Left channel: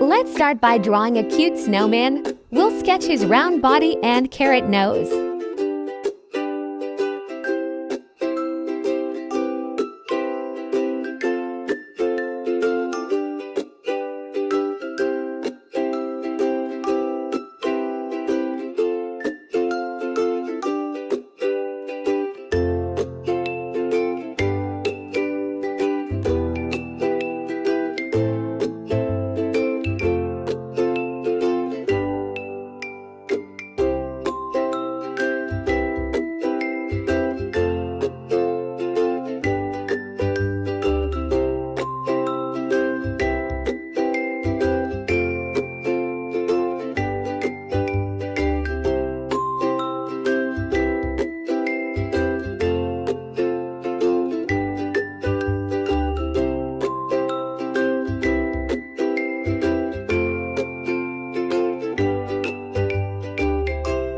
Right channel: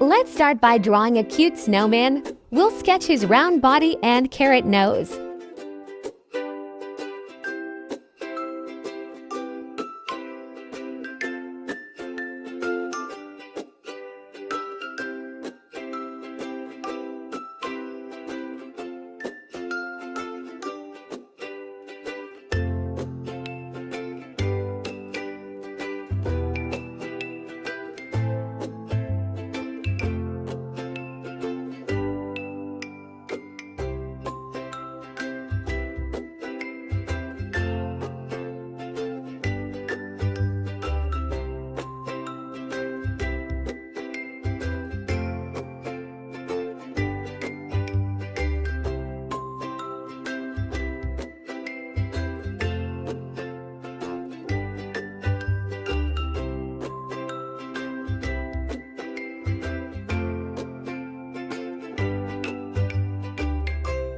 Let's start by drawing a cute snowman. We'll sketch his round body and carrot nose.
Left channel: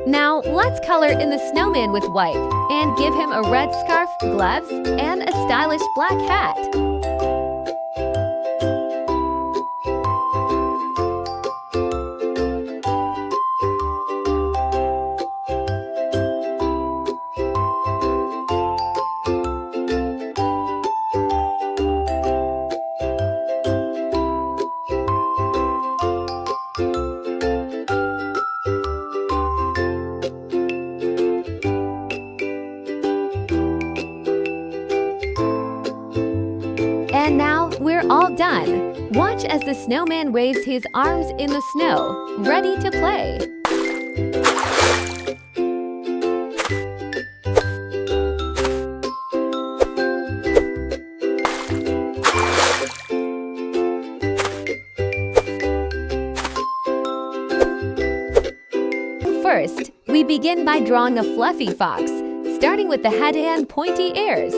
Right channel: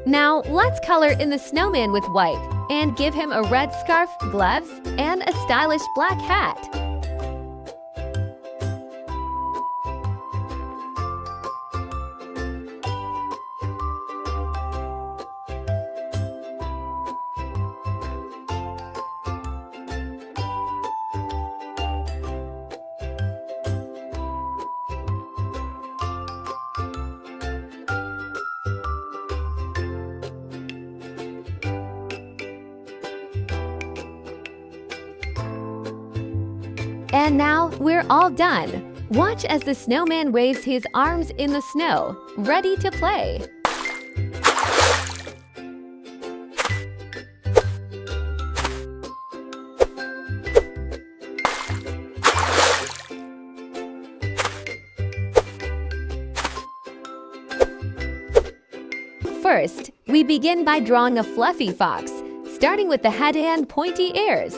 Now, let's color in the snowman with white and give him a red scarf, gloves, and a stylish black hat. And now we're all done. Watch as the snowman waves his arms in the snow, ready to play. First, we begin by drawing a fluffy fox, starting with the head and pointy ears.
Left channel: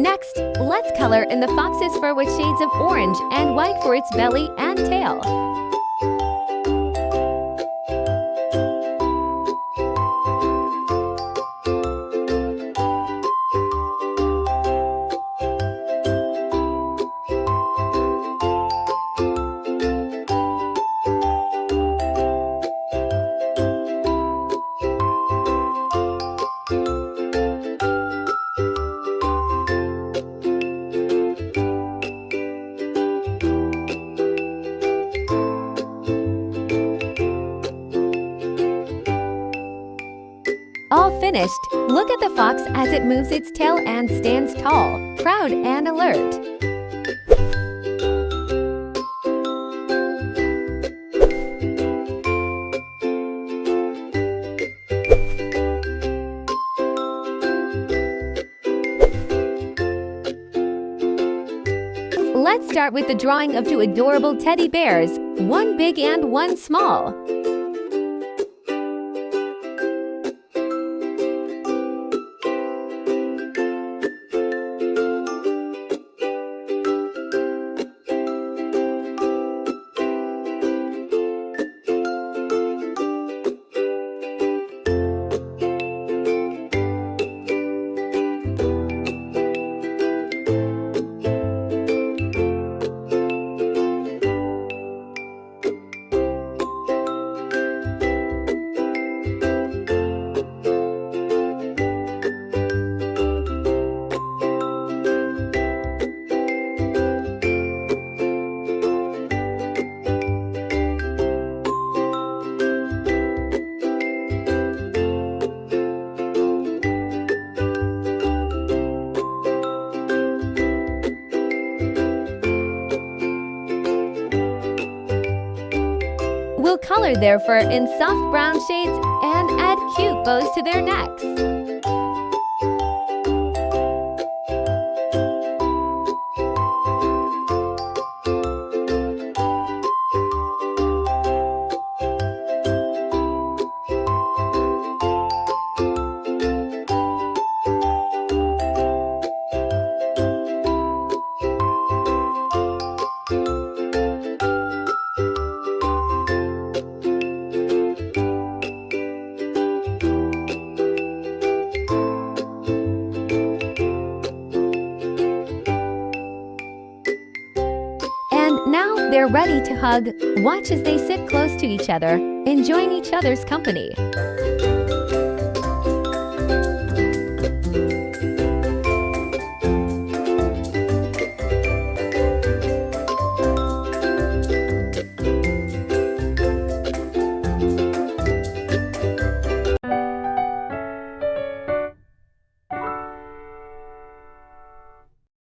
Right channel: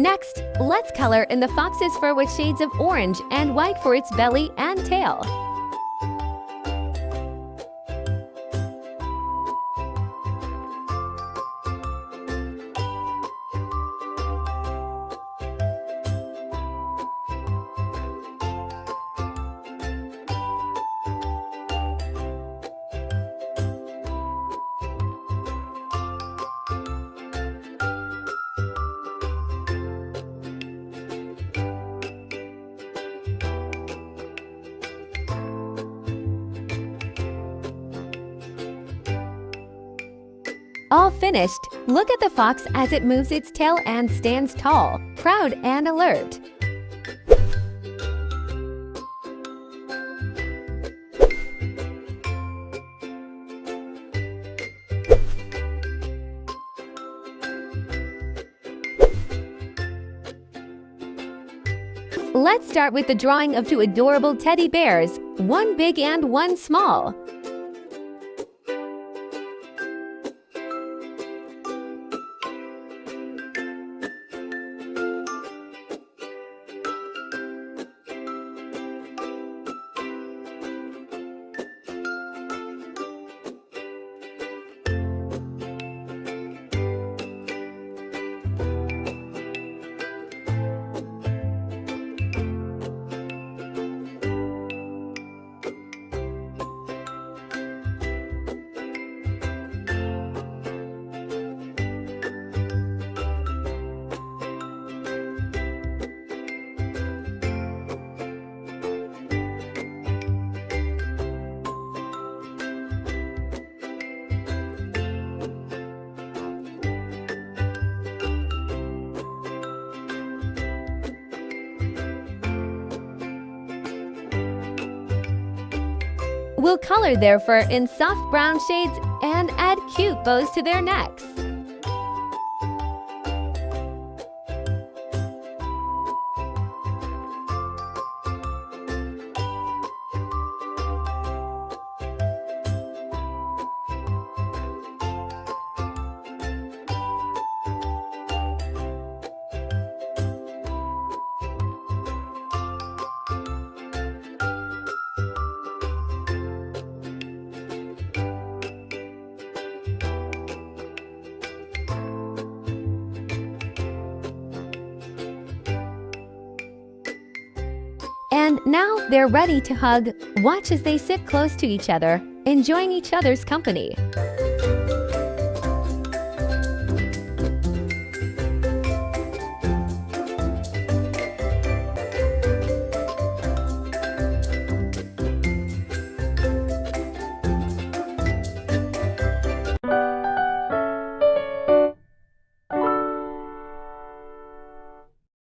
Next, let's color in the fox's fur with shades of orange and white for its belly and tail. All finished. Look at the fox as it moves its tail and stands tall, proud and alert. Let's start with the drawing of two adorable teddy bears, one big and one small. We'll color their fur in soft brown shades and add cute bows to their necks. And now they're ready to hug. Watch as they sit close to each other, enjoying each other's company.